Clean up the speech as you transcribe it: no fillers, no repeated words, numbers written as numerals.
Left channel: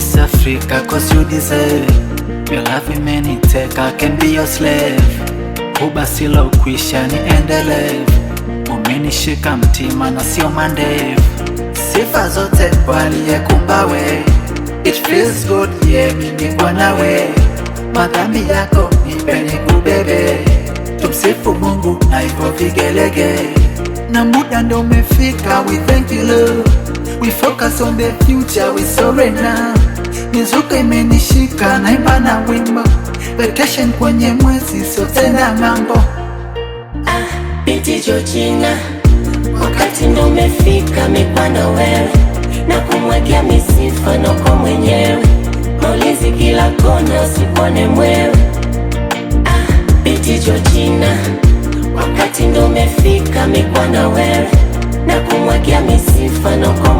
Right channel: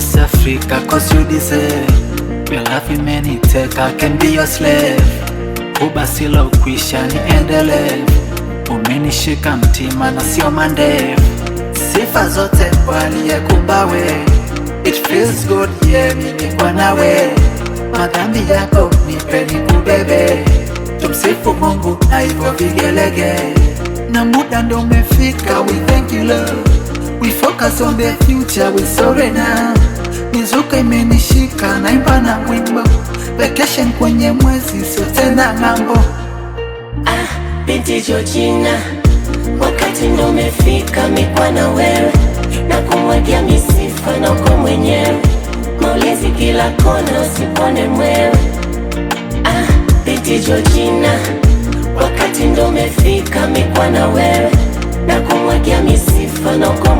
Miss Africa, cause you deserve your love imeniteka, I can be your slave. Kubasila ukwisha niendelee, umenishika mtima na sio mandevu. Sifa zote waliyekumba we, it feels good yeah mimi kwa nawe. Madhambi yako nipe nikubebe, tumsifu Mungu na hivyo vigelege. Na muda ndo umefika, we thank you Lord. We focus on the future, we sorry now. Mizuka imenishika, naimba na wimbo. Vacation kwenye mwezi, sio tena ng'ambo. Binti Georgina, wakati ndo umefika mikwa na wewe, na kumwagia misifa na uko mwenyewe. Maulezi kila kona usipone mwewe. Binti Georgina, wakati ndo umefika mikwa na wewe, na kumwagia misifa na uko mwenyewe.